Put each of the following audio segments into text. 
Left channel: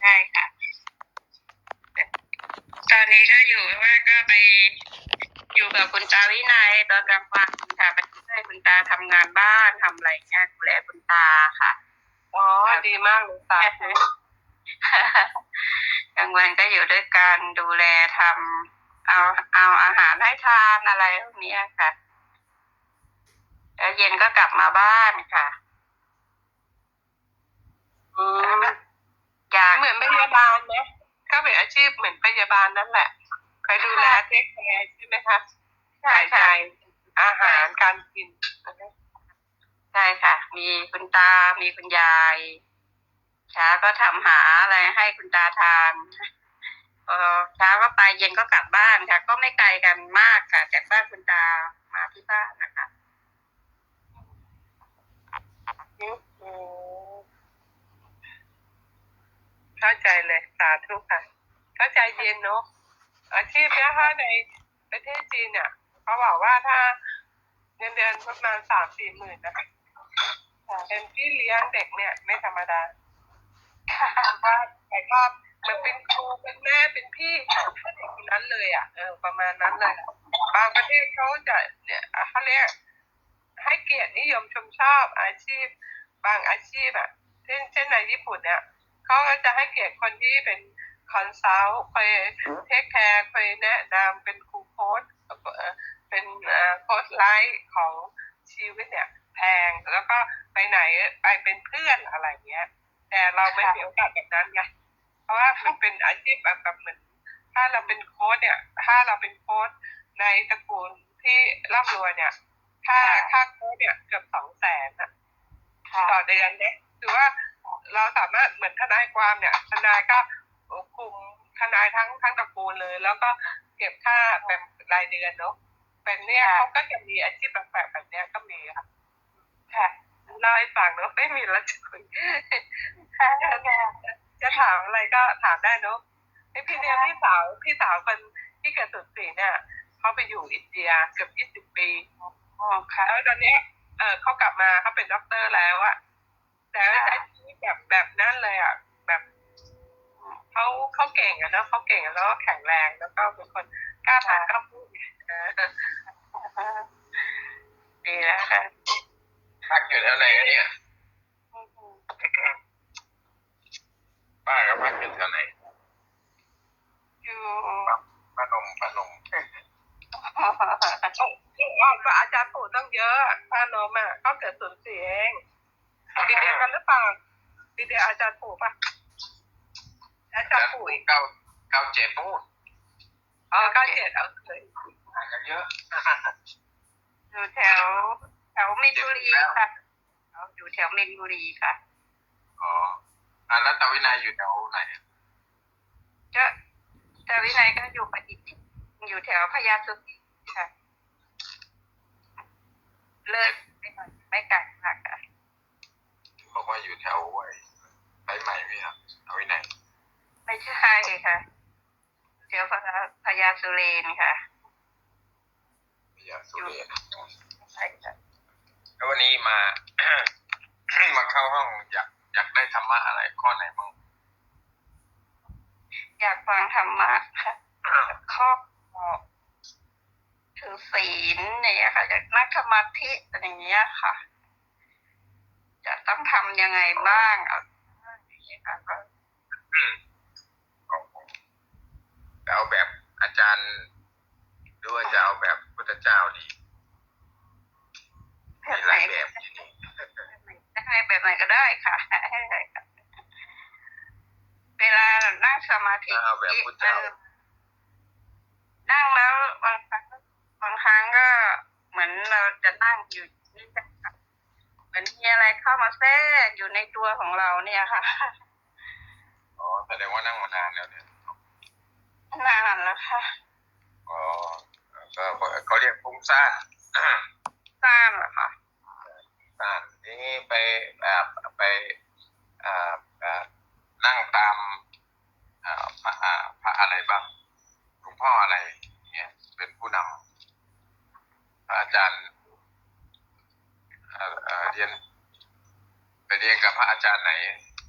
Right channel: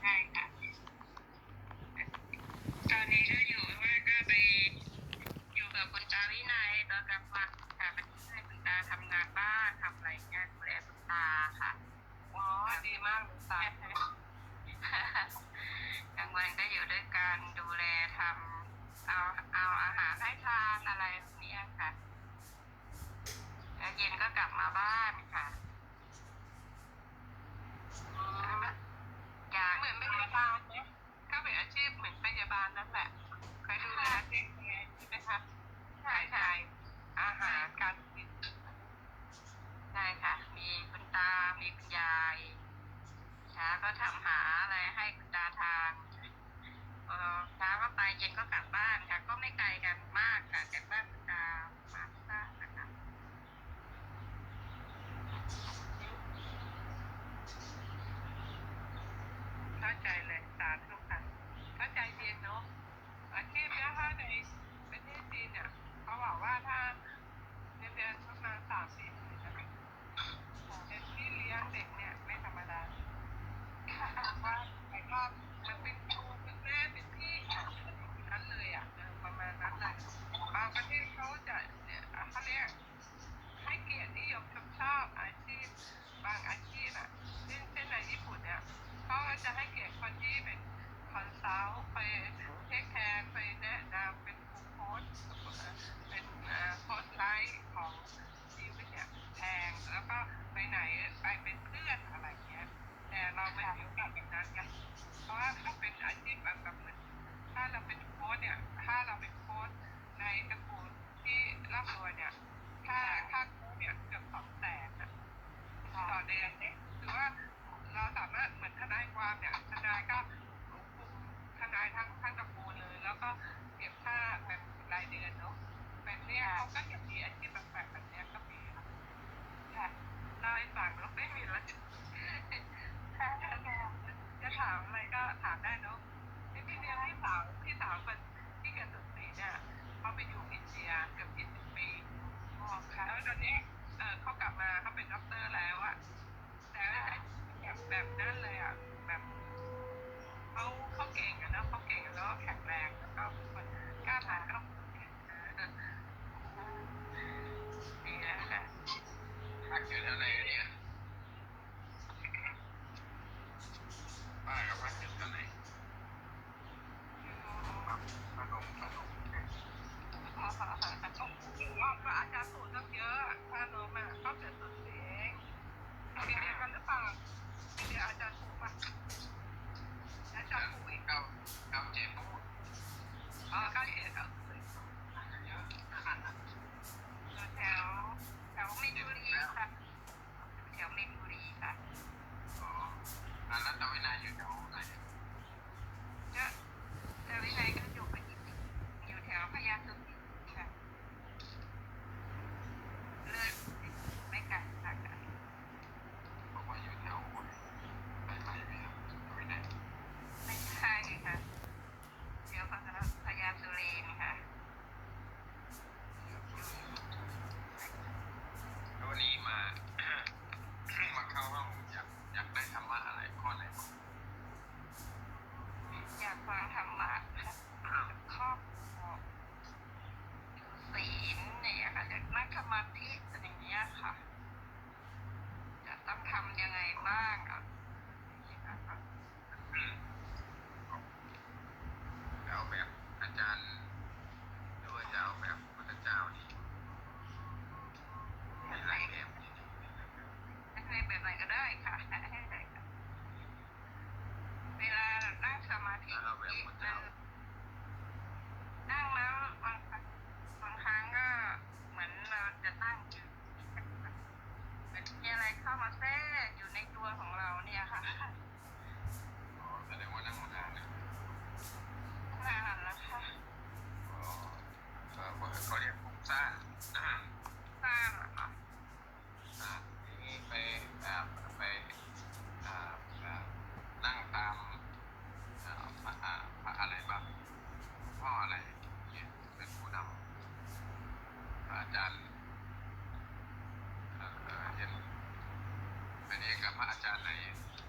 ใช่ค่ะ ตอนนี้ก็อยู่ว่าก็ไปอยู่กับคุณตาวินัยตอนกลางวันค่ะไปช่วยคุณตาทำงานบ้านทำอะไรเงี้ยดูแลคุณตาค่ะ อ๋อ ดีมากเลยสาธุกลางวันก็อยู่ด้วยกันดูแลทำเอาเอาอาหารให้ทานอะไรพวกเนี้ยค่ะแล้วเย็นก็กลับมาบ้านค่ะ อืมอยากเหมือนพยาบาลไหมก็เป็นอาชีพเหมือนพยาบาลนั่นแหละคอยดูแลเทคแคร์ใช่ไหมคะใช่หายใจค่ะอาหารการกินใช่ค่ะ มีคุณตา มีคุณยายเช้าก็ทำหาอะไรให้คุณตาทานพอเช้าก็ไปเย็นก็กลับบ้านค่ะ ก็ไม่ไกลกันมากค่ะจากบ้านคุณตามาที่บ้านนะคะ เข้าใจเลยสาธุค่ะ เข้าใจเย็นเนาะอาชีพเนี้ยถ้าในประเทศจีนเนี่ยเขาบอกว่าถ้าเงินเดือนประมาณสามสี่หมื่นนะเป็นพี่เลี้ยงเด็กเนี่ยไม่ธรรมดาว่าแต่ก็มันเป็นครูเป็นแม่เป็นพี่ของเด็กคนนั้นเลยอะเออประมาณนั้นเลยบางประเทศเขาจะเนี่ยเขาเรียกให้เกียรตินิยมชมชอบอาชีพ บางอาชีพอะเช่นเช่นในญี่ปุ่นเนี่ย เขาก็จะให้เกียรติคนที่เป็นคอนซัลท์คอยเทคแคร์คอยแนะนำเป็นครูโค้ชเอ่อเป็นโค้ชไลฟ์ของชีวิตเนี่ยแพงแล้วก็ไปไหนไปเป็นเพื่อนอะไรเงี้ย แต่เราไม่มีโอกาสแบบนั้นไงเพราะว่ามันเป็นอาชีพแบบแบบเหมือนถ้าเราเป็นโค้ชเนี่ย ถ้าเราเป็นโค้ชในตระกูลที่ร่ำรวยเนี่ยค่าค่าโค้ชเนี่ยเกือบสองแสนอะค่ะต่อเดือนเนี่ยคือว่า เราสามารถเหมือนทนายความเนี่ยทนายก็คุมทนายทั้งทั้งตระกูลเลย แล้วก็เก็บค่าแบบรายเดือนเนาะเป็นเนี่ยเขาก็จะมีอาชีพแปลกๆแบบเนี้ยก็มีค่ะค่ะเล่าให้ฟังเนาะไม่มีแล้วจะคุยค่ะจะถามอะไรก็ถามได้เนอะไอพี่เนี่ยพี่สาวพี่สาวคนที่เกิดสุดสีเนี่ยเขาไปอยู่อินเดียเกือบยี่สิบปีอ๋อค่ะแล้วตอนเนี้ยเออเขากลับมาเขาเป็นด็อกเตอร์แล้วอะแต่ว่าใช้ชีวิต แบบแบบนั้นเลยอะแบบเขาเขาเก่งอะเนอะเขาเก่งแล้วก็แข็งแรงแล้วก็เป็นคนกล้าทำกล้าพูดเออดีแล้วค่ะพักอยู่แถวไหนกันเนี่ยป้ากับพักอยู่แถวไหนอยู่ Oh, พนมพนมโอ้ว่าอาจารย์ปู่ต้องเยอะพานมอะเขาเกิดสูญเสียเองปีเดียวกันหรือเปล่าปี เดียวอาจารย์ปู่ปะอาจารย์ปู่อีกเก้าเก้าเจ็ดพูดอ๋อเก้าเจ็ดเอาเลยห่างกันเยอะอยู่แถวแถวมินบุรีค่ะอยู่แถวมินบุรีค่ะอ๋ออะแล้วตาวินัยอยู่แถวไหนก็แต่วินัยก็อยู่ปฏิจิตรอยู่แถวพญาสุติค่ะ เลิกไม่ไกลไม่ไกลมากค่ะบอกว่าอยู่แถวไอ้ สายใหม่พี่ครับตาวินัยไม่ใช่ค่ะแถวพญาพญาสุเรนค่ะพี่ยาสุเรนใช่ค่ะแล้ววันนี้มา มาเข้าห้องอยากอยากได้ธรรมะอะไรข้อไหนบ้างอยากฟังธรรมะค่ะข้อถือศีลเนี่ยค่ะอยากนั่งสมาธิอะไรอย่างเงี้ยค่ะ จะต้องทำยังไงบ้างเอาอย่างเงี้ยค่ะ ของผมจะเอาแบบอาจารย์หรือว่าจะเอา แบบพุทธเจ้าดี แบ มี บ ห ไหน ลายแบบอยู่นี่ ให้แบบไหนก็ได้ค่ะให้ได้ค่ะเวลานั่งสมาธิ ถ้าเอาแบบพุทธเจ้า เออนั่งแล้วบางครั้งบางครั้งก็เหมือนเราจะนั่งอยู่นี่ค่ะเหมือนมีอะไรเข้ามาแทรกอยู่ในตัวของเราเนี่ยค่ะ อ๋อแสดงว่านั่งมานานแล้วเนี่ย นานแล้วค่ะ อ๋อก็ เขาเรียกฟุ้งซ่าน ทราบเหรอคะ ซ่านทีนี้ไปแบบไปอ่าอ่านั่งตามอ่าพระอ่าพระอะไรบ้างหลวงพ่ออะไร เนี่ย เป็นผู้นำพระอาจารย์เอ่อเอ่อเรียนไปเรียนกับพระอาจารย์ไหน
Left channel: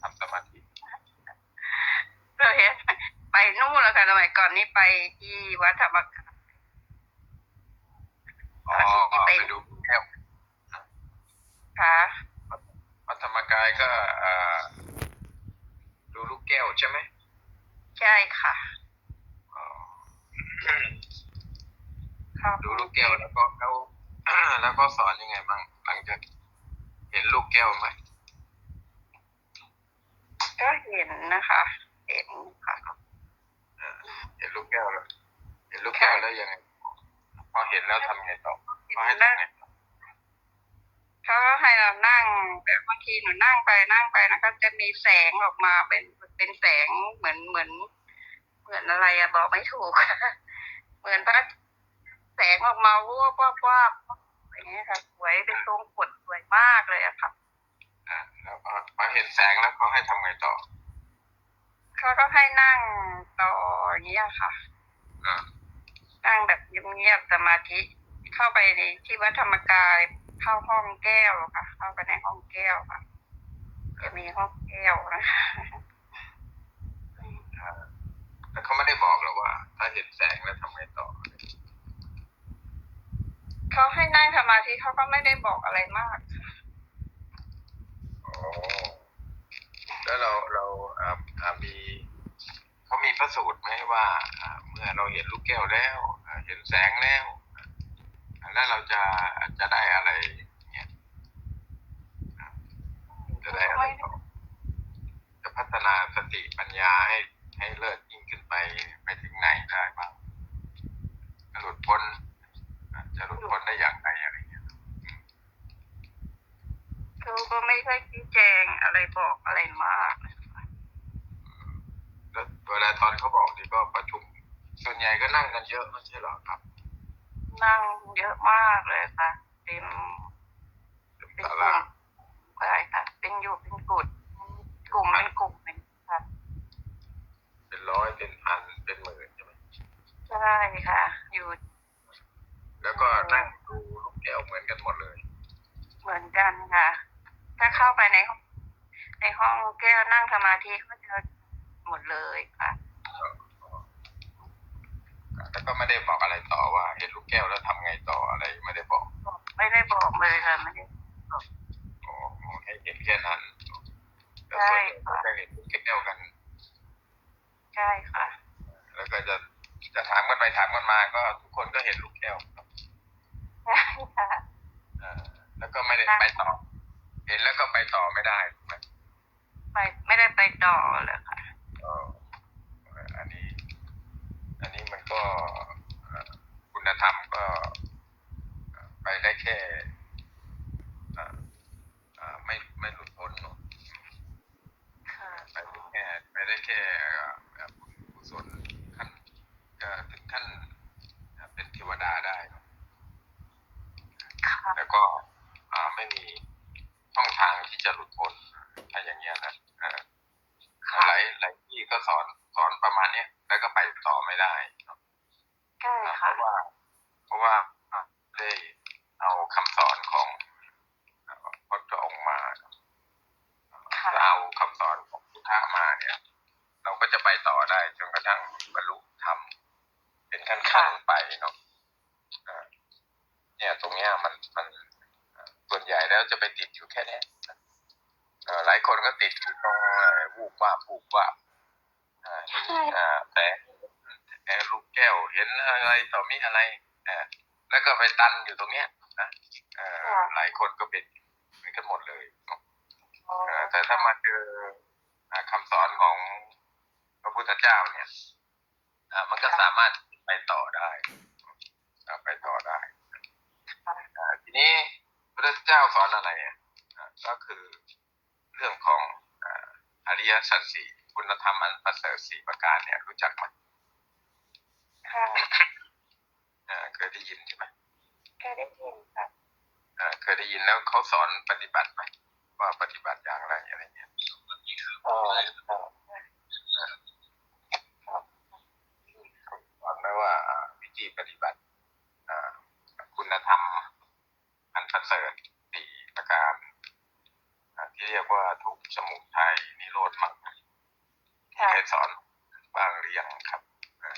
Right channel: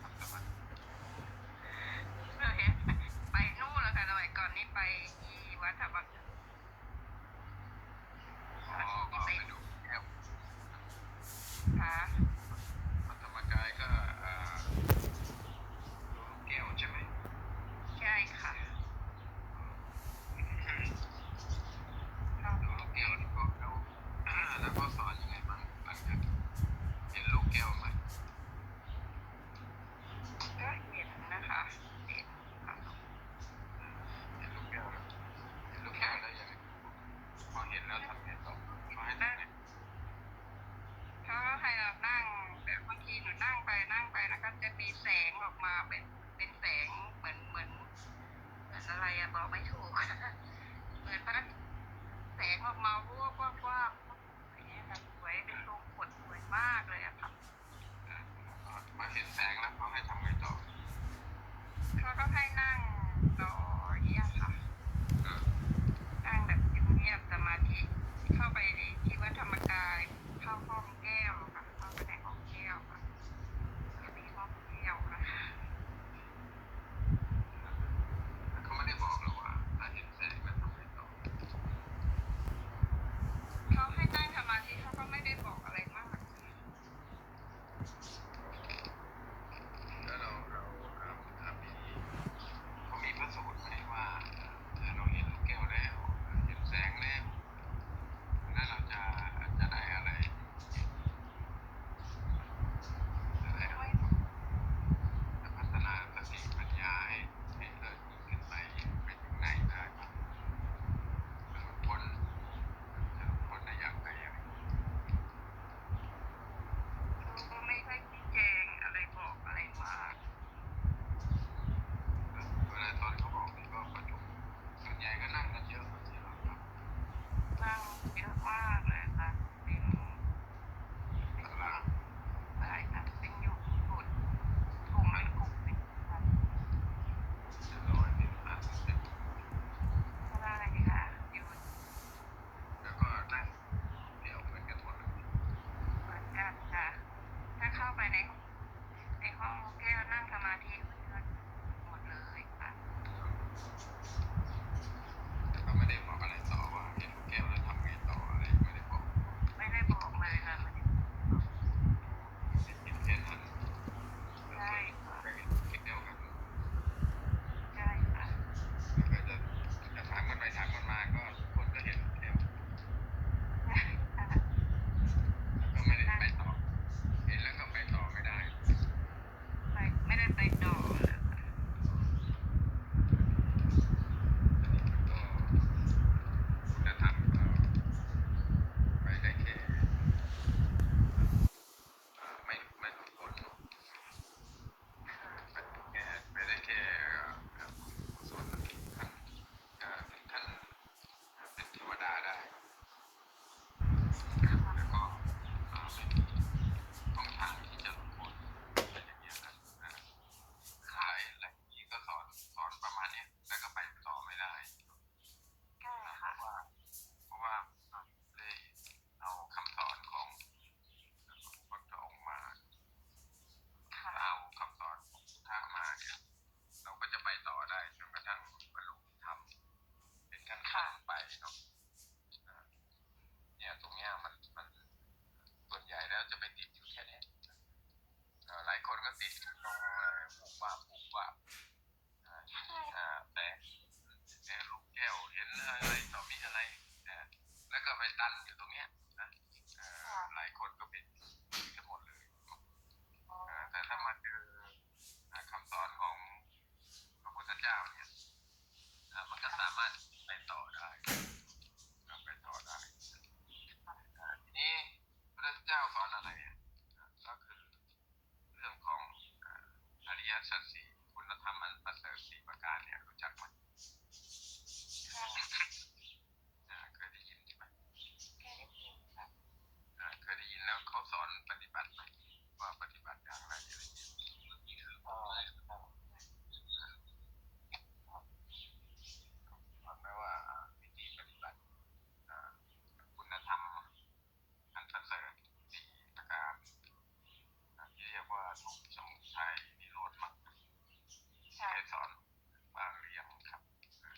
ทำสมาธิ นี่ไปที่วัดธรรมกาย อ๋อไปดูแก้ว ค่ะ วัดธรรมกายก็เอ่อดูลูกแก้วใช่ไหม ใช่ค่ะ อ๋อ เข้า ดูลูกแก้วแล้วก็แล้วแล้วก็สอนยังไงบ้างหลังจากเห็นลูกแก้วไหมก็เห็นนะคะ เห็นค่ะเออเห็นลูกแก้วแล้วเห็นลูกแก้วแล้วยังไงพอเห็นแล้วทำไงต่อพอให้ทำไงเขาก็ให้เรานั่งแต่บางทีหนูนั่งไปนั่งไปนะก็จะมีแสงออกมาเป็นเป็นแสงเหมือนเหมือน เหมือนอะไรอะบอกไม่ถูก เหมือนพระ แสงออกมาวับวับวับอย่างเงี้ยค่ะ สวยเป็นทรงกดสวยมากเลยอะค่ะอ่าแล้วก็พอเห็นแสงแล้วก็ให้ทำไงต่อเขาก็ให้นั่งต่ออย่างเงี้ยค่ะ อ่านั่งแบบเงียบๆสมาธิเข้าไปในที่วัดธรรมกายเข้าห้องแก้วค่ะ เข้าไปในห้องแก้วค่ะ จะมีห้องแก้วนะคะแต่เขาไม่ได้บอกหรอกว่า ถ้าเห็นแสงแล้วทำไงต่อ เขาให้นั่งสมาธิเขาก็ไม่ได้บอกอะไรมาก อ๋อแล้วเราเราอ่าอ่ามีเขามีพระสูตรไหมว่าอ่าเมื่อเราเห็นลูกแก้วแล้วอ่าเห็นแสงแล้วอ่าแล้วเราจะจะได้อะไรเนี่ยอ่าจะได้อะไรต่อจะพัฒนาสติปัญญาให้ให้เลิศยิ่งขึ้นไปไปถึงไหนได้บ้างหลุดพ้น จะหลุดพ้นได้อย่างไรอะไรเงี้ยเขาก็ไม่ค่อยชี้แจงอะไรบอกอะไรมากแล้วเวลาตอนเขาบอกนี่ก็ประชุม ส่วนใหญ่ก็นั่งกันเยอะไม่ใช่หรอครับ นั่งเยอะมากเลยค่ะเต็มเป็นกศาลุ่ลามใช่ค่ะ เป็นอยู่เป็นกลุ่มกลุ่มเป็นกลุ่มเลยค่ะ เป็นร้อยเป็นพันเป็นหมื่น ใช่ค่ะ อยู่ แล้วก็นั่งดูลูกแก้วเหมือนกันหมดเลย เห มือนกันค่ะ ถ้าเข้าไปในห้องในห้องแก้วนั่งสมาธิก็จะหมดเลยค่ะแล้วก็ไม่ได้บอกอะไรต่อว่าเห็นลูกแก้วแล้วทำไงต่ออะไรไม่ได้บอก ไม่ได้บอกเลยค่ะไม่ได้โอ้โหให้เห็นแค่นั้นแล้วใช่ส่วนใหญ่ก็เห็นลูกแก้วกัน ใช่ค่ะ แล้วก็จะจะถามกันไปถามกันมาก็ทุกคนก็เห็นลูกแก้วใช่ค่ะอ่าแล้ว ก็ไม่ได้ไปต่อ เห็นแล้วก็ไปต่อไม่ได้ถูกไหมไปไม่ได้ไปต่อเลยค่ะก็อันนี้ อันนี้มันก็เอ่อคุณธรรมก็ไปได้แค่เอ่อเอ่อไม่ไม่หลุดพ้นเนอะ ค่ะ ไปได้แค่ไปได้แค่เอ่อเอ่อส่วนขั้นเอ่อถึงขั้นเป็นเทวดาได้เนอะ ค่ะ แล้วก็อ่าไม่มีช่องทางที่จะหลุดพ้นถ้าอย่างเงี้ยนะเอ่อหลายหลายที่ก็สอนสอนประมาณเนี้ยแล้วก็ไปต่อไม่ได้เนอะ ใช่ เพ ค่ะ ราะว่า เพราะว่าได้เอาคำสอนของพระพุทธองค์มา ค่ะ ถ้าเอาคำสอนของพุทธะมาเนี่ย เราก็จะไปต่อได้จนกระทั่งบรรลุธรรมเป็นขั้นๆไปเนาะอ่าเนี่ย ตรงเนี้ยมันมันส่วนใหญ่แล้วจะไปติดอยู่แค่เนี้ยเอ่อหลายคนก็ติดอยู่ตรงเอ่อวูบวาบวูบวาบอ่า ใช่ อ่าแต่แต่ลูกแก้วเห็นอะไรต่อมีอะไรเออแล้วก็ไปตันอยู่ตรงเนี้ยนะเอ่อหลายคนก็เป็นเหมือนกันหมดเลยเนาะเอ่อแต่ ถ้ามาเจออ่าคำสอนของพระพุทธเจ้าเนี่ยอ่ามันก็สามารถไปต่อได้อ่าไปต่อได้อ่าทีนี้พระพุทธเจ้าสอนอะไรอะอ่าก็คือเรื่องของอ่าอริยสัจสี่คุณธรรมอันประเสริฐสี่ประการเนี่ยรู้จักไหม ค่ะ อ่าเคยได้ยินใช่ไหม เคยได้ยินค่ะ อ่าเคยได้ยินแล้วเขาสอนปฏิบัติไหมว่าปฏิบัติอย่างไรอะไรเงี้ย อ๋อ เขาสอนไหมว่าอ่าวิธีปฏิบัติอ่าคุณธรรมอันประเสริฐสี่ประการอ่าที่ เรียกว่าทุกข์สมุทัยนิโรธมรรคค่ะเคยสอนบ้างหรือยังครับอ่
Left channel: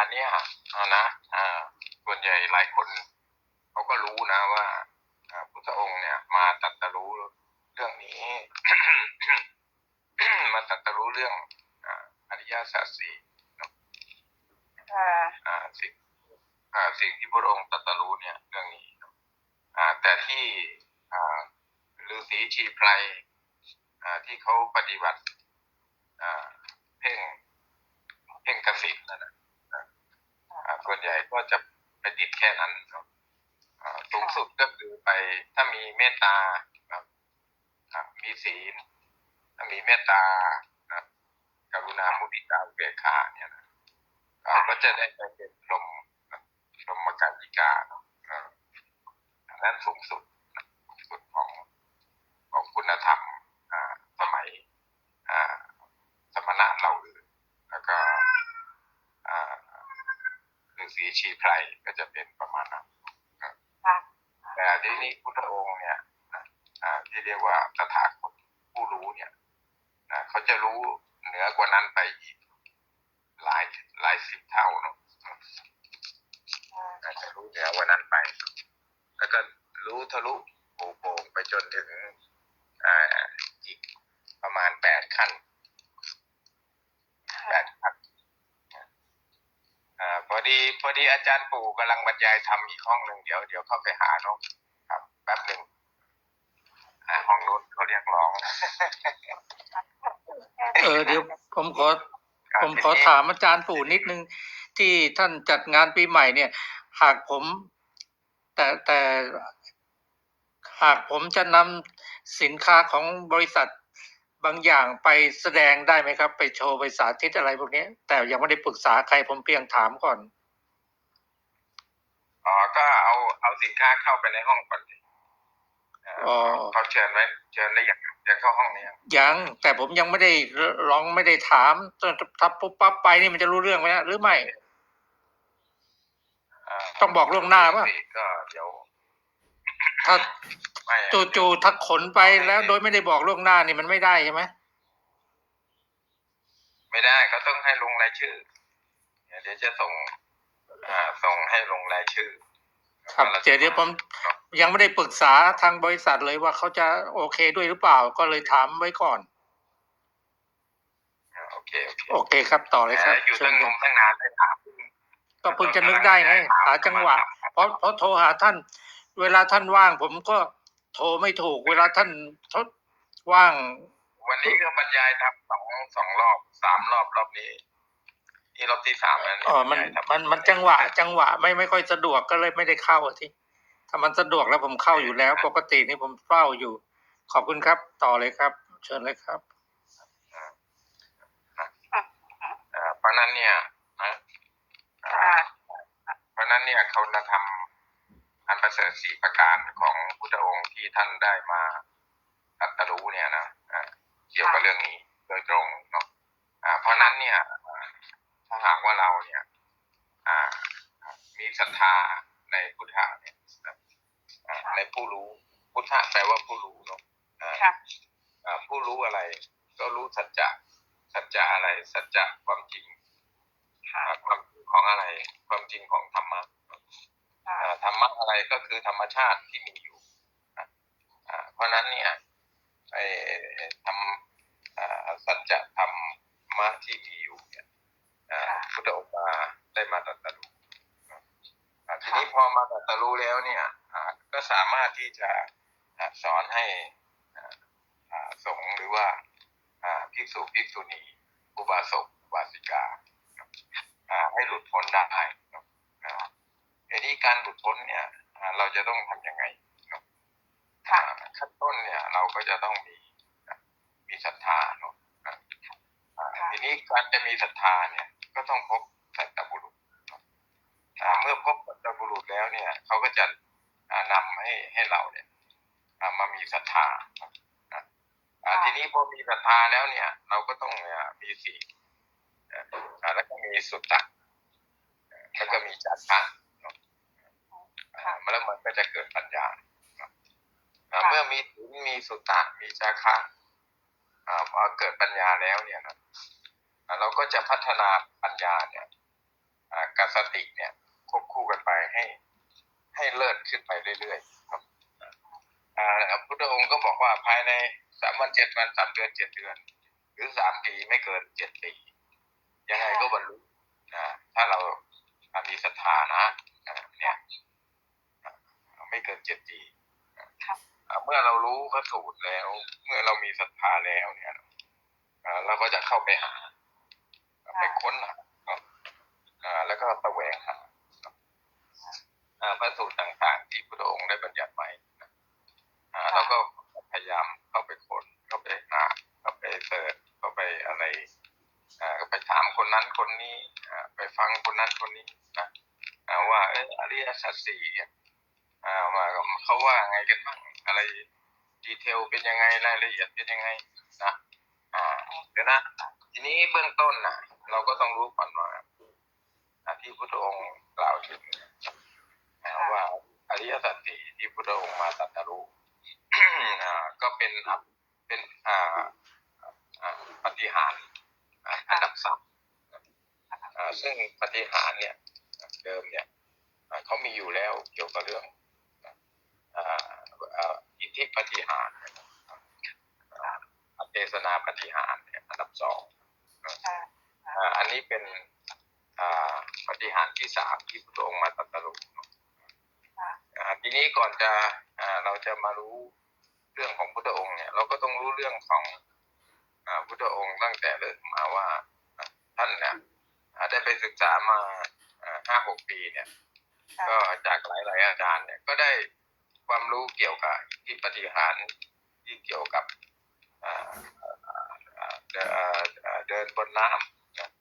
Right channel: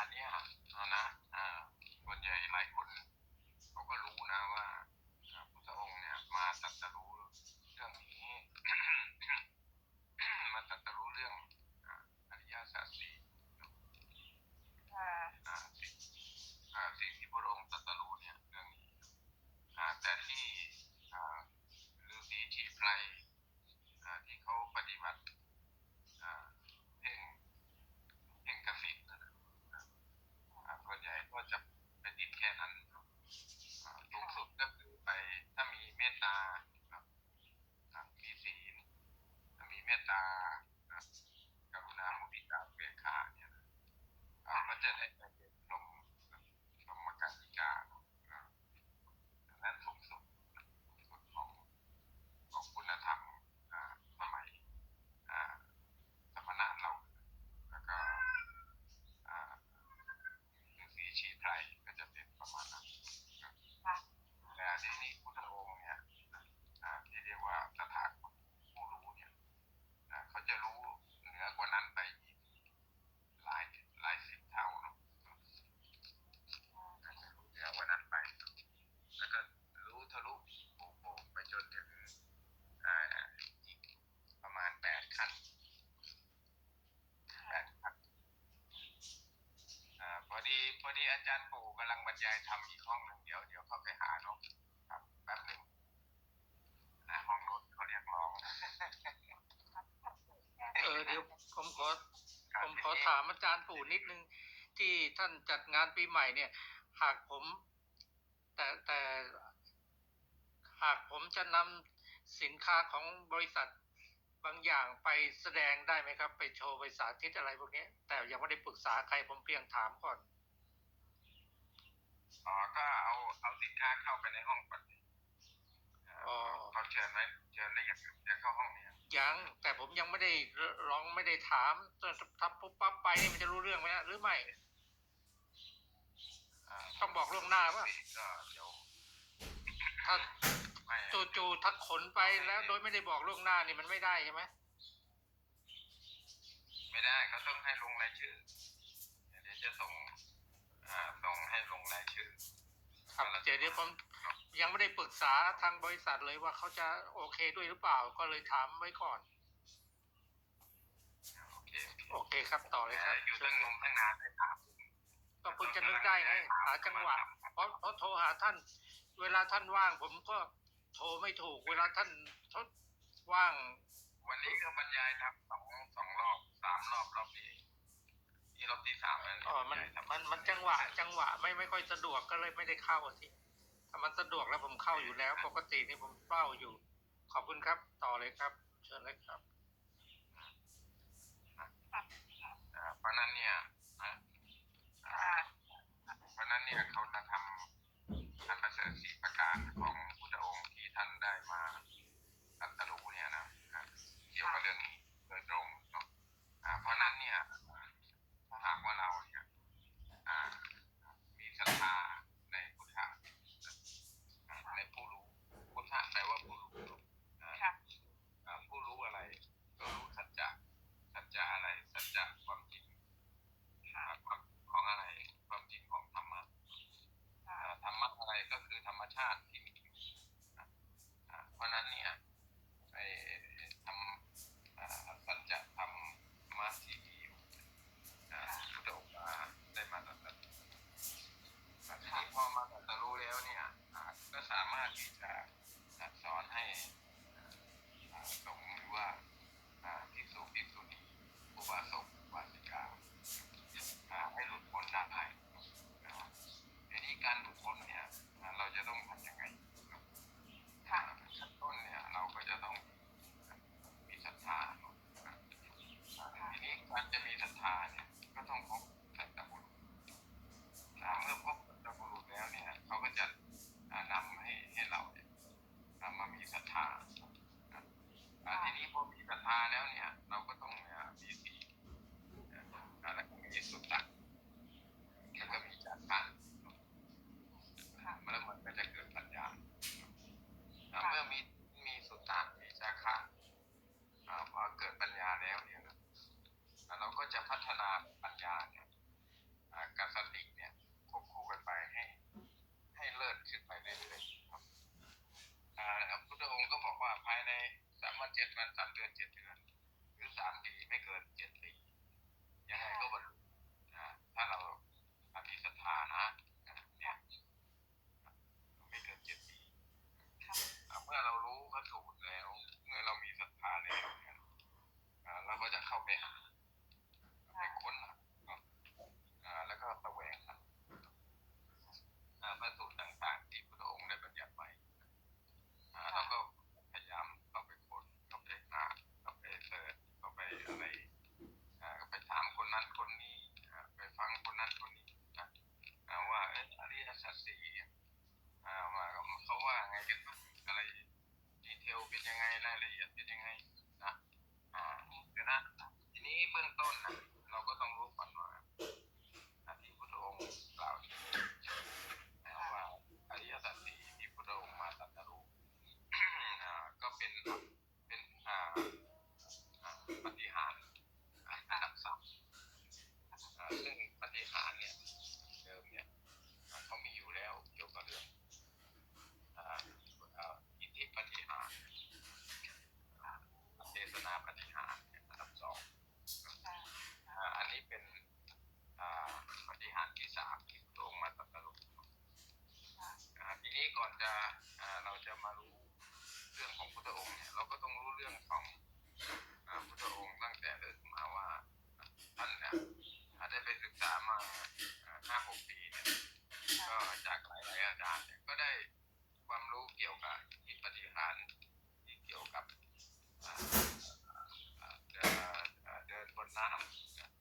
า เนี่ยอ่านะอ่าส่วนใหญ่หลายคนเขาก็รู้นะว่าอ่าพุทธองค์เนี่ย มาตรัสรู้เรื่องนี้ มาตรัสรู้เรื่องอ่าอริยสัจสี่ ค่ะ อ่าสิ่งอ่าสิ่งที่พระองค์ตรัสรู้เนี่ยเรื่องนี้อ่าแต่ที่อ่าฤาษีชีไพรอ่าที่เขาปฏิบัติอ่าเพ่งเพ่งกสินนั่นนะอ่าส่วนใหญ่ ก็จะไปติดแค่นั้นเนาะอ่าสูงสุดก็คือไปถ้ามีเมตตาครับมีศีลถ้ามีเมตตาอ่ากรุณามุทิตาเบกขาเนี่ยนะก็จะได้ไปเป็นลมลมการยิกาอันนั้นสูงสุดสูงสุดของของคุณธรรมอ่าสมัยอ่าสมณะเราอื่นแล้วก็อ่าฤาษี ชีไพรก็จะเป็นประมาณนั้นนะค่ะแต่ที่นี้พุทธองค์เนี่ยนะอ่าที่เรียกว่าตถาคตผู้รู้เนี่ยนะเขาจะรู้เหนือกว่านั้นไปอีกหลายหลายสิบเท่าเนาะ อาจจะรู้เหนือกว่านั้นไป แล้วก็รู้ทะลุโป่โป่งไปจนถึงอ่าอีกประมาณแปดขั้นแปดขั้นอ่าพอดีพอดีอา จารย์ปู่กำลังบรรยายทำอีกห้องหนึ่งเดี๋ยวเดี๋ยวเข้าไปหาเนาะครับแป๊บหนึ่งอ่าห้องนู้นเขาเรียกร้อง เออเดี๋ยวผมขอครับผมขอถามอาจารย์ปู่นิดนึง ที่ท่านจัดงานปีใหม่เนี่ย หากผม แต่แต่หากผมจะนำสินค้าของบริษัทบางอย่างไปแสดงได้ไหมครับ ไปโชว์ไปสาธิตอะไรพวกนี้ แต่ยังไม่ได้ปรึกษาใครผมเพียงถามก่อน อ๋อก็เอาเอาสินค้าเข้าไปในห้องก่อนสิอ่าอ๋อเขาเชิญไว้เชิญได้ยังเชิญเข้าห้องนี้ยังยังแต่ผมยังไม่ได้ร้องไม่ได้ถามถ้าปุ๊บปั๊บไปนี่มันจะรู้เรื่องไหมฮะหรือไม่าต้องบอกล่วงหน้าป่ะก็เดี๋ยวถ้าไม่จู่ๆถ้าขนไปแล้วโดยไม่ได้บอกล่วงหน้านี่มันไม่ได้ใช่ไหมไม่ได้ก็ต้องให้ลงรายชื่อเดี๋ยวจะส่ง อ่าส่งให้ลงรายชื่อครับเดี๋ยวเดี๋ยวผมยังไม่ได้ปรึกษาทางบริษัทเลยว่าเขาจะโอเคด้วยหรือเปล่าก็เลยถามไว้ก่อนอ่าโอเคโอเคโอเคครับต่อเลยครับแต่อยู่เชิตั้ญงนมตั้งนานเลยถามก็เพิ่งจะนึกได้ไงหาจังหวะ เพราะเพราะโทรหาท่าน เวลาท่านว่าง ผมก็โทรไม่ถูก เวลาท่านทดว่าง วันนี้ก็บรรยายทำสองสองรอบสามรอบรอบนี้ นี่รอบที่สามแล้วเยอ๋อมันบรรยายทำมันมันจังหวะ จังหวะไม่ไม่ค่อยสะดวกก็เลยไม่ได้เข้าอะที่ถ้ามันสะดวกแล้วผมเข้าอยู่แล้ว ปกตินี่ผมเฝ้าอยู่ ขอบคุณครับ ต่อเลยครับ เชิญเลยครับอ่าเพราะฉะนั้นเนี่ยนะอ่าค่ะเพราะฉะนั้นเนี่ยเขาจะทำอันประเสริฐสี่ประการของพุทธองค์ที่ท่านได้มาตรัสรู้เนี่ยนะอ่าเกี่ยวกับเรื่องนี้โดยตรงเนาะอ่าเพราะฉะนั้นเนี่ยอ่า ถ้าหากว่าเราเนี่ยมีศรัทธาในพุทธะเนี่ยนะอ่าในผู้รู้พุทธะแปลว่าผู้รู้เนาะอ่า ค่ะ อ่าผู้รู้อะไร ก็รู้สัจจะสัจจะอะไร สัจจะความจริง ค่ะ อ่าความจริงของอะไร ความจริงของธรรมะ ค่ะ อ่าธรรมะอะไรก็คือธรรมชาติที่มีอยู่อะอ่าเพราะฉะนั้นเนี่ยไอ้ทำอ่าสัจจะธรรมะที่มีอยู่เนี่ยอ่าพุทธองค์มาได้มาตรัสรู้อ่าทีนี้พอมาตรัสรู้แล้วเนี่ยอ่าก็สามารถที่จะอ่าสอนให้อ่าอ่าสงฆ์หรือว่าอ่าภิกษุภิกษุณีอุบาสกอุบาสิกาอ่าให้หลุดพ้นได้เนาะอ่า ทีนี้การหลุดพ้น เนี่ยอ่าเราจะต้องทำยังไงเนาะค่ะอ่าขั้นต้นเนี่ยเราก็จะต้องมีมีศรัทธาเนาะอ่าอ่าทีนี้การจะมีศรัทธาเนี่ยก็ต้องพบสัตบุรุษเนาะอ่าเมื่อพบสัตบุรุษแล้วเนี่ยเขาก็จะอ่านำให้ให้เราเนี่ยอ่ามามีศรัทธาเนาะอ่าอ่าทีนี้พอมีศรัทธาแล้วเนี่ย เราก็ต้องเนี่ยมีสีลอ่าแล้วก็มีสุตตะแล้วก็มีจาระ เนาะอ่าแล้วมันก็จะเกิดปัญญาอ่าเมื่อมีศีลมีสุตตะมีจาคะอ่าพอเกิดปัญญาแล้วเนี่ยนะอ่าเราก็จะพัฒนาปัญญาเนี่ยอ่ากสติเนี่ยควบคู่กันไปให้ ให้เลิศขึ้นไปเรื่อยๆครับอ่าพระพุทธองค์ก็บอกว่าภายในสามวันเจ็ดวันสามเดือนเจ็ดเดือน หรือสามปีไม่เกินเจ็ดปี ยังไงก็บรรลุอ่าถ้าเรามีศรัทธานะอ่าเนี่ยอ่า ไม่เกินเจ็ดปีค่ะอ่าเมื่อเรารู้พระสูตรแล้ว เมื่อเรามีศรัทธาแล้วเนี่ยอ่าเราก็จะเข้าไปหาไปค้นหาอ่าแล้วก็แสวงหาอ่าพระสูตรต่างๆ ที่พระองค์ได้บัญญัติไว้นะอ่าเราก็พยายามเข้าไปค้นเข้าไปหาเข้าไปเสิร์ชเข้าไปอะไรอ่าก็ไปถามคนนั้นคนนี้อ่าไปฟังคนนั้นคนนี้นะอ่าว่าเอออริยสัจสี่เนี่ย อ่าว่าเขาว่าไงกันบ้างอะไรดีเทลเป็นยังไงรายละเอียดเป็นยังไงนะอ่าเดี๋ยวนะทีนี้เบื้องต้นนะเราก็ต้องรู้ก่อนว่าที่พระองค์กล่าวถึงว่าอริยสัจสี่ที่พระองค์มาตรัสรู้อ่าก็เป็นเป็นอ่าปฏิหารอันดับสามอ่าซึ่งปฏิหารเนี่ยเดิมเนี่ยเขามีอยู่แล้วเกี่ยวกับเรื่อง ธิปฏิหารอเทศนาปฏิหารอันดับสองอันนี้เป็นปฏิหารที่สามที่พระองค์มาตรัสรู้ทีนี้ก่อนจะเราจะมารู้เรื่องของพุทธองค์เนี่ย เราก็ต้องรู้เรื่องของอพุทธองค์ตั้งแต่เริ่มมาว่าท่านเนี่ยได้ไปศึกษามาห้าหกปีเนี่ย ก็จากหลายๆอาจารย์เนี่ยก็ได้ ความรู้เกี่ยวกับที่ปฏิหารที่เกี่ยวกับเดินบนน้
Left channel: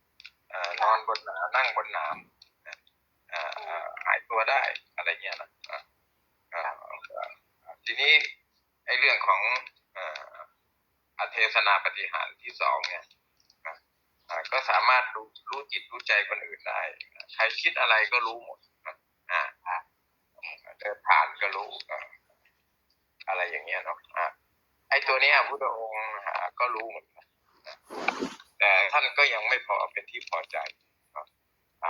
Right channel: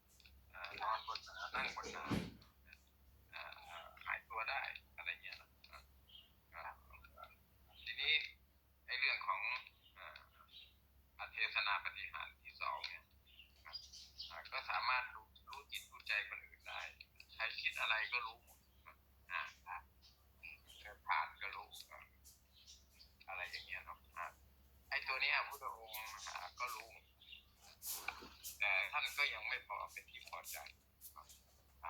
ำนอนบนน้ำนั่งบนน้ำหายตัวได้อะไรเงี้ยนะทีนี้ไอ้เรื่องของอาเทศนาปฏิหารที่สองเนี่ยก็สามารถรู้รู้จิตรู้ใจคนอื่นได้ ใครคิดอะไรก็รู้หมดนะอ่า เดินผ่านก็รู้อะไรอย่างเงี้ยเนาะไอ้ตัวเนี้ยพุทธองค์ก็รู้เหมือนกันแต่ท่านก็ยังไม่พอเป็นที่พอใจ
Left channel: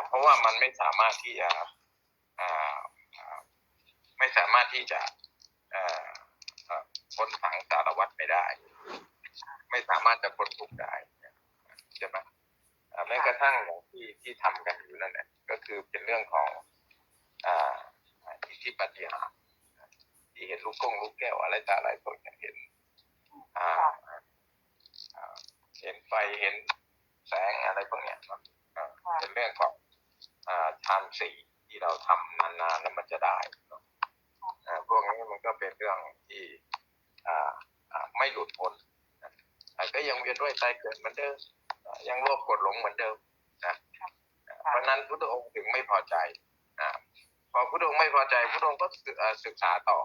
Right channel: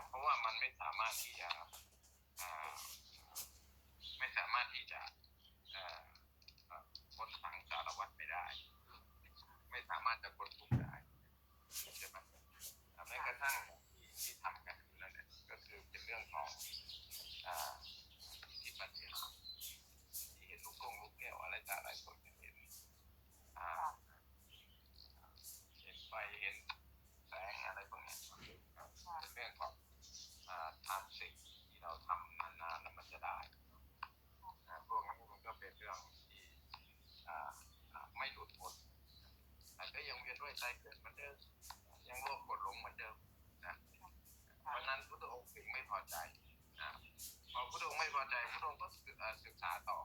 เพราะว่ามันไม่สามารถที่จะไม่สามารถที่จะพ้นถังสารวัตรไปได้ ไม่สามารถจะพ้นทุกข์ได้ใช่ไหมแม้กระทั่งอย่างที่ที่ทำกันอยู่นั่นแหละก็คือเป็นเรื่องของอ ทธิปฏิหารย์ที่เห็นลูกกงลูกแก้วอะไรต่ออะไรพวกเนี้ยเห็นอ่าอ่าเห็นไฟเห็นแสงอะไรพวกเนี้ยเนาะอ่าเป็นเรื่องของอ่าทานสีที่เราทำนานๆแล้วมันจะได้เนาะอ่าพวกนี้มันก็เป็นเรื่องที่อ่าอ่าไม่หลุดพ้นอะก็ยังเวียนว่ายตายเกิดเหมือนเดิมอะยังโลภกดหลงเหมือนเดิมนะอะเพราะฉะนั้นพุทธองค์ถึงไม่พอใจ อพอพุทธองค์ไม่พอใจพุทธองค์ก็ศึกษาต่อ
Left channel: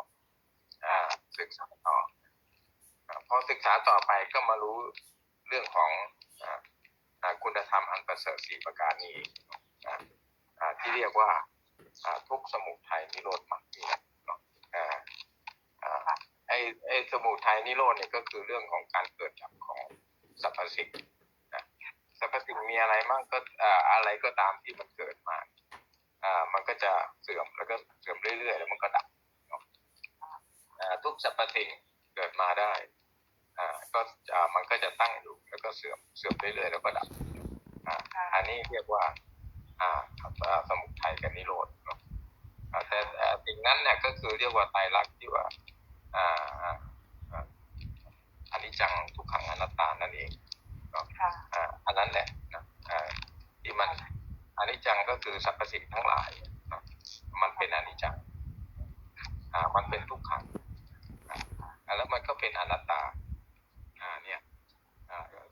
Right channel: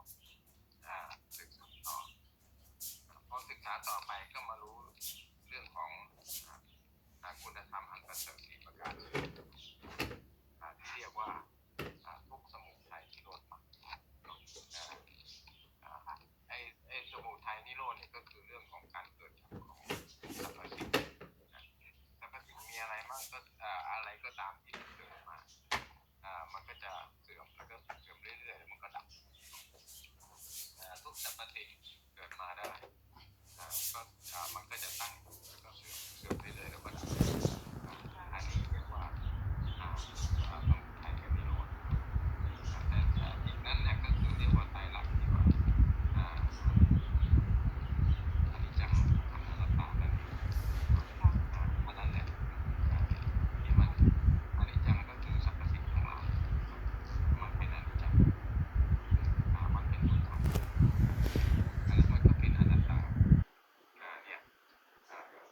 อ่าศึกษาต่อพอศึกษาต่อไปก็มารู้เรื่องของอคุณธรรมอันประเสริฐสี่ประการนี้ที่เรียกว่าทุกสมุทัยนิโรธมรรคนี่ไอ้ไอ้สมุทัยนิโรธเนี่ยก็คือเรื่องของการเกิดดับของสรรพสิ่งสรรพสิ่งมีอะไรมั่งก็อะไรก็ตามที่มันเกิดมา อ่ามันก็จะเสื่อมแล้วก็เสื่อมเรื่อยๆ แล้วมันก็ดับเนาะอ่าทุกสรรพสิ่งเกิดมาได้อ่าก็อ่ามันก็จะตั้งอยู่แล้วก็เสื่อมเสื่อมเรื่อยๆแล้วก็ดับอ่าอันนี้เรียกว่าอ่าอ่าสมุทัยกับนิโรธเนาะอ่าแต่แต่สิ่งนั้นเนี่ยก็คือเรียกว่าไตรลักษณ์ที่ว่าอ่าอ่าอ่าอนิจจังทุกขังอนัตตานั่นเองเนาะค่ะอ่าอันนั้นแหละนะอ่าที่มัน อนิจจังก็คือสรรพสิ่งทั้งหลาย มันเป็นอนิจจังมันเป็นทุกขังแล้วมันก็เป็นอนัตตาเนี่ย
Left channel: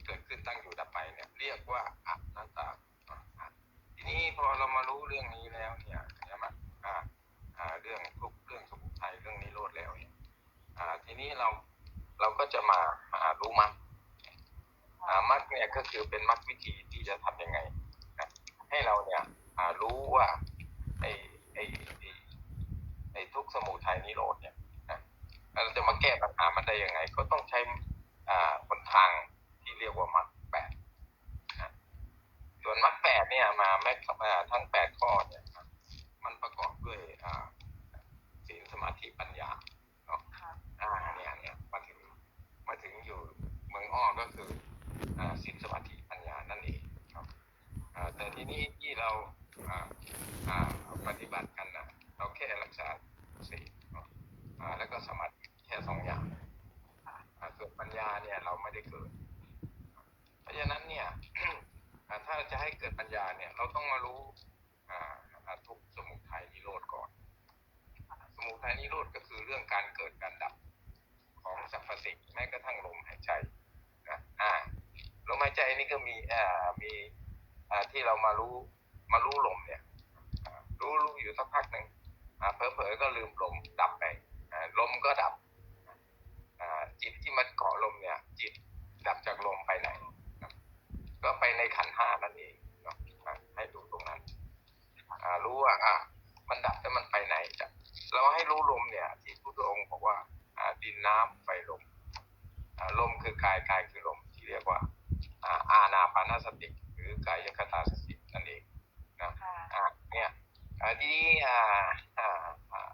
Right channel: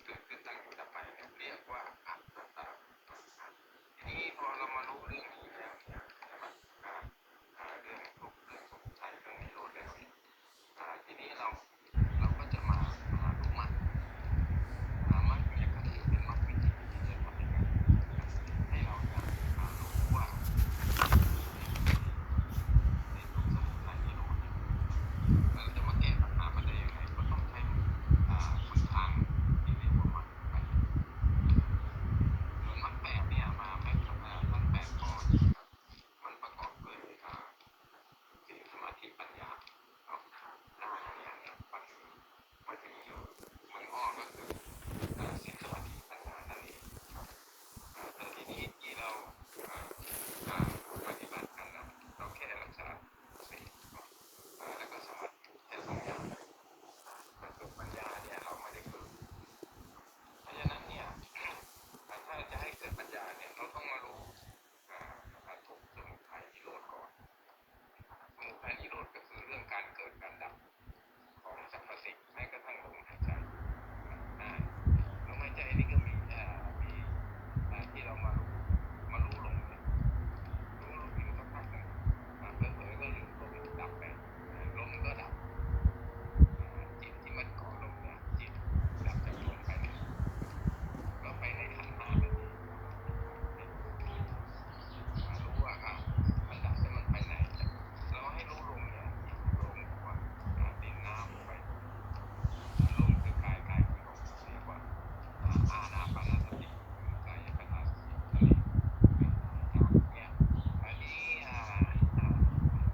เกิดขึ้นตั้งอยู่ดับไปเนี่ยเรียกว่าอนัตตา ทีนี้พอเรามารู้เรื่องนี้แล้วเนี่ยใช่ไหมเรื่องทุกเรื่องสมุทัยเรื่องนิโรธแล้วทีนี้เราเราก็จะมามารู้มรรคมรรคเนี่ยก็คือเป็นมรรควิธีที่จะทำยังไง ให้เราเนี่ยรู้ว่าไอ้ไอ้ไอ้ทุกสมุทัยนิโรธเนี่ยเราจะมาแก้ปัญหามันได้ยังไง ก็ต้องใช้อ่าหนทางที่เรียกว่ามรรคแปดส่วนมรรคแปดเนี่ยมาแม้อ่าทั้งแปดข้อเนี่ยมันประกอบด้วยอ่าศีลสมาธิปัญญาเนาะอ่าเนี่ยเนี่ยมาถึงมาถึงอยู่เมืองอ้อก็คืออ่าศีลสมาธิปัญญานั่นเองครับอ่าแต่ทีนี้ที่เราอ่าอ่าปฏิบัติกันนะเราแค่รักษาศีลเนาะอ่าแล้วก็สมาธิแค่สองอย่างอ่าส่วนปัญญาเนี่ยเราไม่ได้เกิด เพราะฉะนั้นเนี่ย อ่าถ้าจะให้ เกิดปัญญาเนี่ยเราต้องมารู้อาอ่าทุกสมุทัยนิโรธก่อน สมุทัยนิโรธก็คือเรื่องการเกิดการดับของสรรพสิ่งแม้กระทั่งลมหายใจนะอ่าลมหายใจนี่ก็มีอ่ามีอ่าที่เรามารู้มารู้ลมเนี่ย รู้รู้อยู่สักพักหนึ่งอ่าเผลอๆก็ลืมลมดับไปลมก็ดับจิตที่มันเกาะลมเนี่ย จิตดับจากลมไปไหน ก็ไปในขันห้านั่นเองครับอ่าให้ดูตรงนั้นอ่ารู้ว่าอะมันดับแล้วมันไปไหนจะเราให้รู้ลมเนี่ย ที่พุทธองค์บอกว่าอ่าดินน้ำไฟลมอ่าลมคือกายกายคือลมที่เรียกว่าอ่าอานาปานสติหรือกายคตาสตินั่นเองนะอ่าเนี่ยอันนี้อ่าอ่าอ่า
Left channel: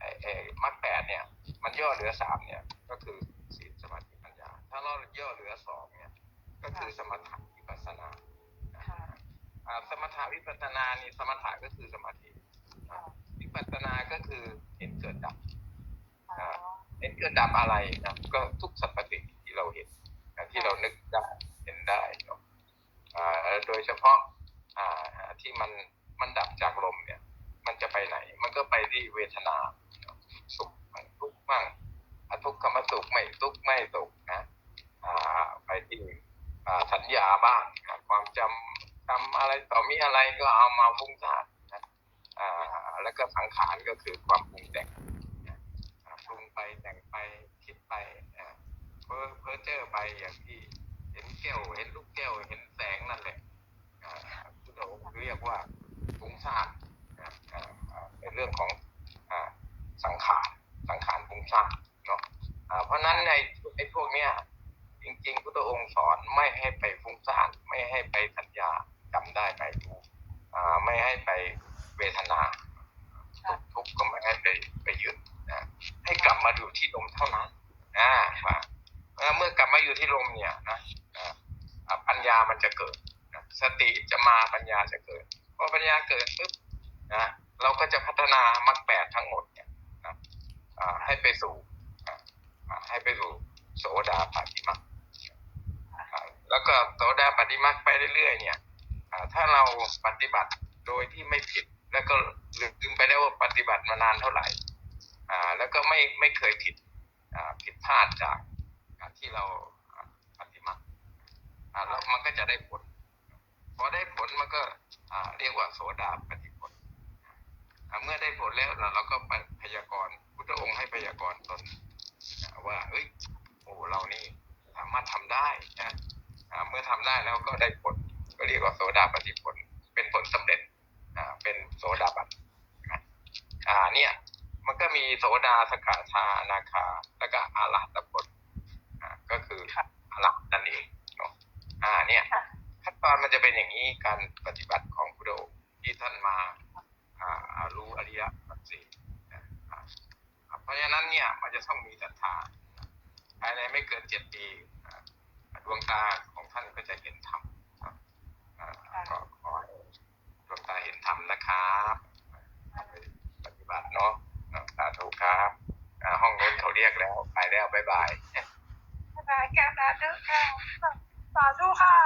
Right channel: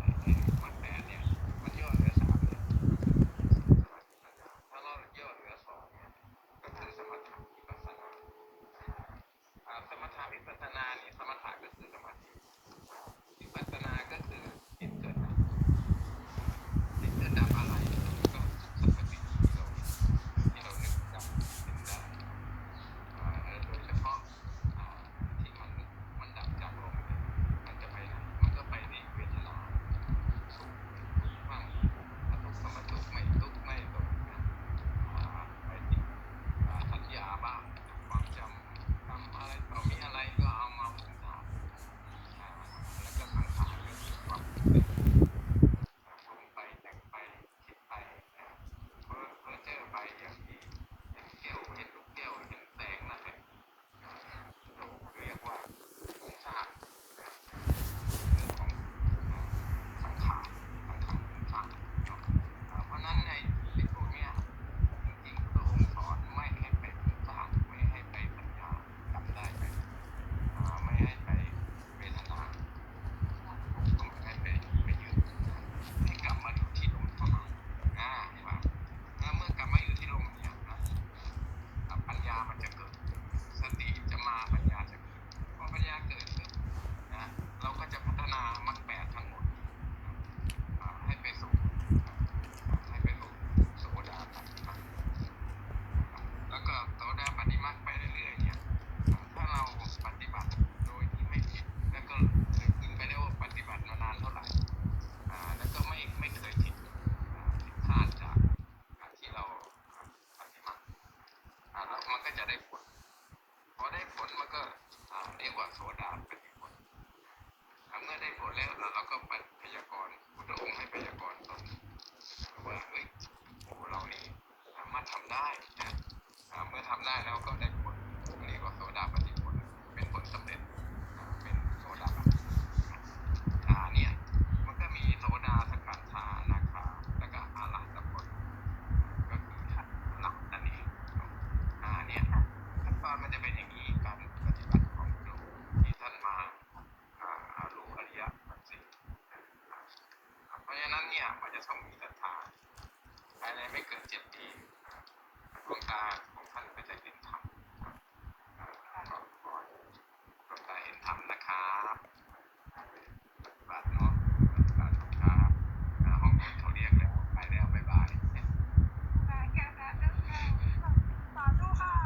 ไอ้ไอ้มรรคแปดเนี่ย มันย่อเหลือสามเนี่ย ก็คือศีลสมาธิปัญญา ถ้าเราย่อเหลือสองเนี่ย ก็คือสมถะวิปัสสนาอ่าสมถะวิปัสสนานี่สมถะก็คือสมาธิอ่าวิปัสสนาก็คือเห็นเกิดดับอ่าเห็นเกิดดับอะไรนะก็ทุกสรรพสิ่งที่เราเห็นอ่าที่เรานึกได้เห็นได้เนอะอ่าโดยเฉพาะอ่าที่มันมันดับจากลมเนี่ย มันจะไปไหน มันก็ไปที่เวทนา สุขบ้างทุกข์บ้างอะทุกขมสุขไม่ทุกข์ไม่สุขนะ อ่าไปที่อ่าสัญญาบ้างนะ ความจำจำอะไรต่อมีอะไรก็เอามาฟุ้งซ่านนะแล้วก็สังขารก็คือความปรุงแต่งปรุงไปแต่งไปคิดไปเพ้อเพ้อเจอไปอย่างที่เห็นแก้วเห็นลูกแก้วเห็นแสงนั่นแหละเราเรียกว่าฟุ้งซ่านเป็นเรื่องของสังขารสังขารฟุ้งซ่านเนาะเพราะนั้นในไอ้พวกเนี้ย ริงๆพุทธองค์สอนไม่ให้ไปฟุ้งซ่านไม่ให้ไปสัญญาจำได้ไปไม่ให้ไปเวทนาทุกข์ก็ไม่ให้ไปไปยึดนะให้กลับมาอยู่ที่ลมเท่านั้นอ่าว่าเมื่อกลับมาอยู่ที่ลมเนี่ยนะปัญญามันจะเกิด สติจะมาปัญญาจะเกิดพอปัญญาเกิดปุ๊บนะเราก็จะพัฒนามรรคแปดทั้งหมดเนี่ยนะให้ไปสู่ให้ไปสู่โสดาปฏิมา แล้วก็โสดาปฏิมาไปเรื่อยๆ เนี่ยถ้าเราปฏิบัติโดยที่ไม่ผิด แล้วก็ลืมไปได้ว่าปฏิบัติมานานเท่าไหร่อ่าแล้วก็ไม่ไม่เคยผิดอ่าผิดพลาดจากการที่เราปฏิมาอ่าแล้วมันก็จะได้ผลพอได้ผลมันก็อ่าเรียกว่าโสดาปฏิผลเมื่อได้ผลแล้วเราเราก็ไปพยากรณ์พุทธองค์ให้พยากรณ์ตนว่าเอ้ยโอ้เรานี่สามารถทำได้นะ เมื่อทำได้แล้วก็ได้ผลก็เรียกว่าโสดาปฏิผล เป็นผลสำเร็จอ่าเป็นโสดาบันนะอ่าเนี่ย มันก็มีโสดาสกทานาคา แล้วก็อาลัตผลอ่าก็คืออาลัตนั่นเองเนาะอ่าเนี่ยขั้นตอนมันจะเป็นอย่างนี้การปฏิบัติของพุทธองค์ที่ท่านมาอ่ารู้อริยสัจสี่นะอ่าเพราะฉะนั้นเนี่ยมันจะต้องมีศรัทธาภายในไม่เกินเจ็ดปีอ่าดวงตาของท่านก็ จะเห็นธรรมครับอ่าก็ขอให้ดวงตาเห็นธรรมนะครับปฏิบัติเนาะสาธุครับห้องนู้นเขาเรียกแล้วไปแล้วบ๊ายบายสาธุค่ะสาธุค่ะ